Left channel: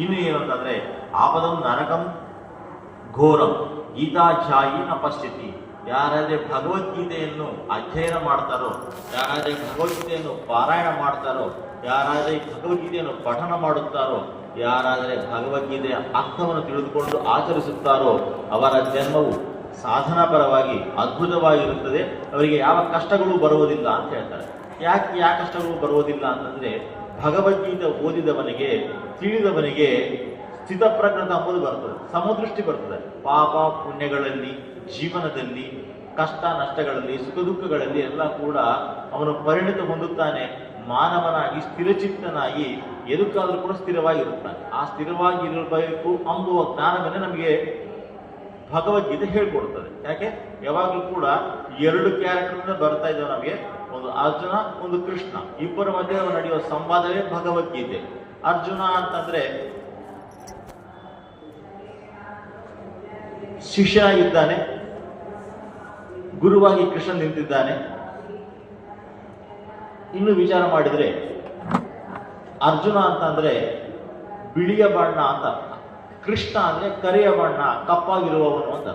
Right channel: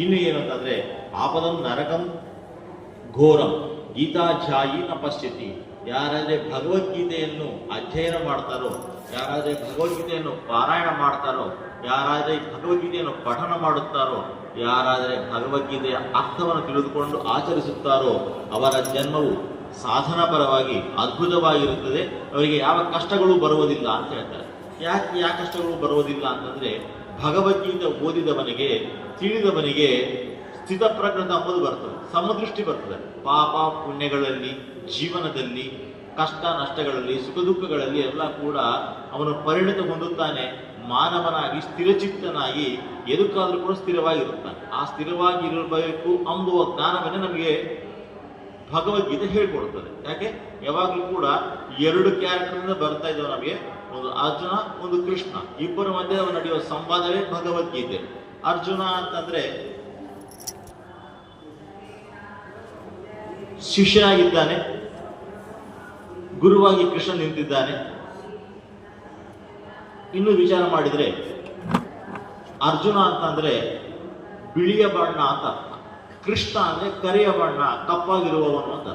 ಇನ್ನು ಏನು ಅಂತಂದ್ರೆ ಆಪದಂ ನರಕಂ ಘೋರಂ ಗೀತಾಧ್ಯಾಯಿ ನ ಪಶ್ಯತಿ. ಯಾರಾದ್ರೆ ಭಗವದ್ಗೀತೆಯನ್ನು ಅಧ್ಯಯನ ಮಾಡ್ತಾರೋ, ಯಾರಾದ್ರೆ ಭಗವದ್ಗೀತೆಯನ್ನು ಪಾರಾಯಣ ಮಾಡ್ತಾರೋ, ಯಾರಾದ್ರೆ ಭಗವದ್ಗೀತೆಯನ್ನು ಪಠನ ಮಾಡುತ್ತಾರೋ, ಯಾರಾದರೆ ಭಗವದ್ಗೀತೆಯ ಅರ್ಥವನ್ನು ತಿಳಿದುಕೊಂಡು ಆಚರಿಸುತ್ತಾರೋ ಅವರ ಜನ್ಮವು ಸಾಧನಾಪರವಾಗಿ ಅದ್ಭುತವಾಗಿರುತ್ತದೆ. ಅವರಿಗೆ ಯಾವ ಕಷ್ಟಗಳು ಬರುವುದಿಲ್ಲ ಅಂತ ಹೇಳ್ತಾರೆ. ಯಾಕೆ ಕಷ್ಟಗಳು ಬರುವುದಿಲ್ಲ ಅಂತಂದ್ರೆ ಭಗವದ್ಗೀತೆ ಓದಿದವನಿಗೆ, ತಿಳಿದವನಿಗೆ ಸ್ಥಿತಪ್ರಜ್ಞತ ಅಂಬುದು ಬರ್ತದೆ, ಸಮದೃಷ್ಟಿ ಬರ್ತದೆ. ಪಾಪ ಪುಣ್ಯಗಳಲ್ಲಿ, ಜೀವನದಲ್ಲಿ, ಕಷ್ಟ ನಷ್ಟಗಳಲ್ಲಿ, ಸುಖ ದುಃಖಗಳಲ್ಲಿ ಎಲ್ಲ ಕೂಡ ಅವನು ಪರಿಣತ ಹೊಂದುತ್ತಾನೆ. ಮಾನವನಾಗಿ ಸ್ಥಿರಚಿತ್ತನಾಗಿ ಎದಕ್ಕಾದ್ರೂ ಕೂಡ ಸ್ಥಿರವಾಗಿರುತ್ತಾನೆ. ಆ ಸ್ಥಿರವಾಗಿ ಇರಬೇಕು ಅಂಬುವ ಜ್ಞಾನವನ್ನೇ ನಮಗೆ ಭಗವದ್ಗೀತೆ ಹೇಳ್ಕೊಡ್ತದೆ. ಯಾಕೆ ಯಾವಾಗಲೂ ಕೂಡ ಎರಡು ಕ್ಯಾರೆಕ್ಟರ್ನಿಂದ ಬರ್ತಾ ಇದ್ದಾವೆ ನಮಗೆ, ಒಂದು ಅರ್ಜುನ, ಒಂದು ಕೃಷ್ಣ. ಇಬ್ಬರ ಮಧ್ಯೆ ನಡೆಯುವ ಸಂವಾದವೇ ಭಗವದ್ಗೀತೆ. ಅರ್ಜುನ ಅಂತಂದ್ರೆ ಶಿಷ್ಯನಾಗಿದ್ದಾನೆ, ಗುರುವಾಗಿ ಕೃಷ್ಣ ನಿಂತಿದ್ದಾನೆ. ಇನ್ನು ವಿಚಾರ ಮಾಡಿದ್ರೆ ಅರ್ಜುನ ಅಂತ ಅಂದ್ರೆ ಬಿಳಿಯ ಬಣ್ಣ ಅಂತ, ಕೃಷ್ಣ ಅಂದ್ರೆ ಕರಿಯ ಬಣ್ಣ, ಕಪ್ಪಾಗಿರುವವನು ಅಂತ.